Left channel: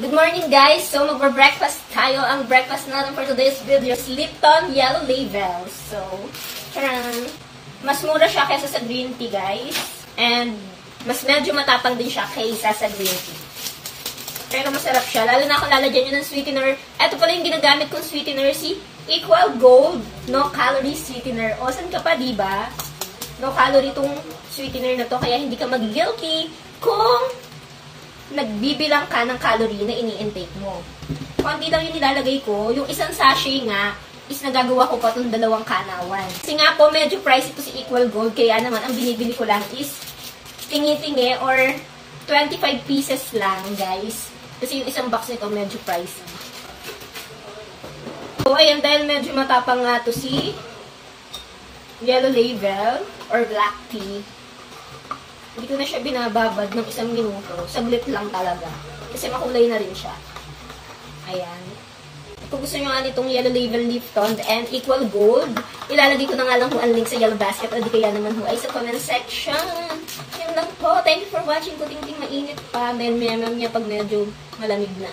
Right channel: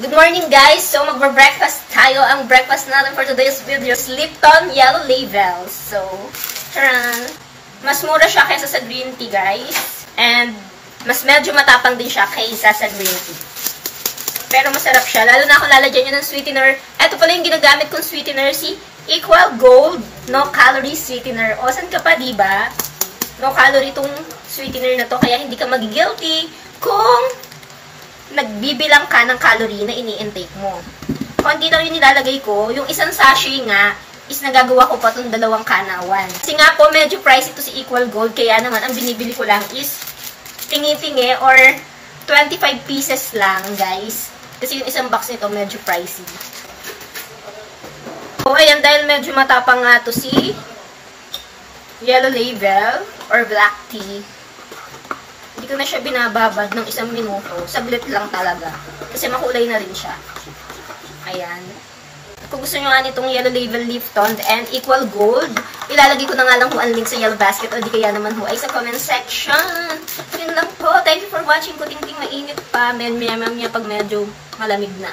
Good morning guys! So magbe-breakfast tayo. Ang breakfast natin for today's video is Lipton Yellow Label. So, charan! Mas mura siya kaysa sa green tea guys. And mas medyo matapang din siya kaysa sa green tea. Pero masarap siya. Lalo na kung lalagyan nyo ng sweetener. Ito pala yung ginagamit kong sweetener, si Equal Gold No Calorie Sweetener. O, saan ka pa, diba? No calorie itong sweetener na to. Kaya hindi ka mag-guilty kung nagbibilang ka ng calorie na ini-intake mo. Konti daw yung nilalagay ko. Yung isang sachet nga, is nagagawa ko pa itong 2 kanawan. Kasi nga po, medyo pricey ito si Equal Gold. Kaya naman, ang binibili ko lang is tingi-tingi or 25 pieces lang, guys. Kasi yung isang box nito, medyo pricey. So, ayan, dahil medyo matapang nga ito si Yellow Label or Black Tea. Hindi ko na siya binababad ng 1 minuto. Sablit lang talaga. Kasi makulay na rin siya. Ayan. Kung gusto nyo nga nitong Yellow Label Lipton and Equal Gold, ilalagay ko na nga lang ho ang link sa Yellow Basket o di kaya naman ho ay sa comment section. Yun lang po. Thank you for watching. Kuting-ting mainit pa. Maya pag medyo malamig na.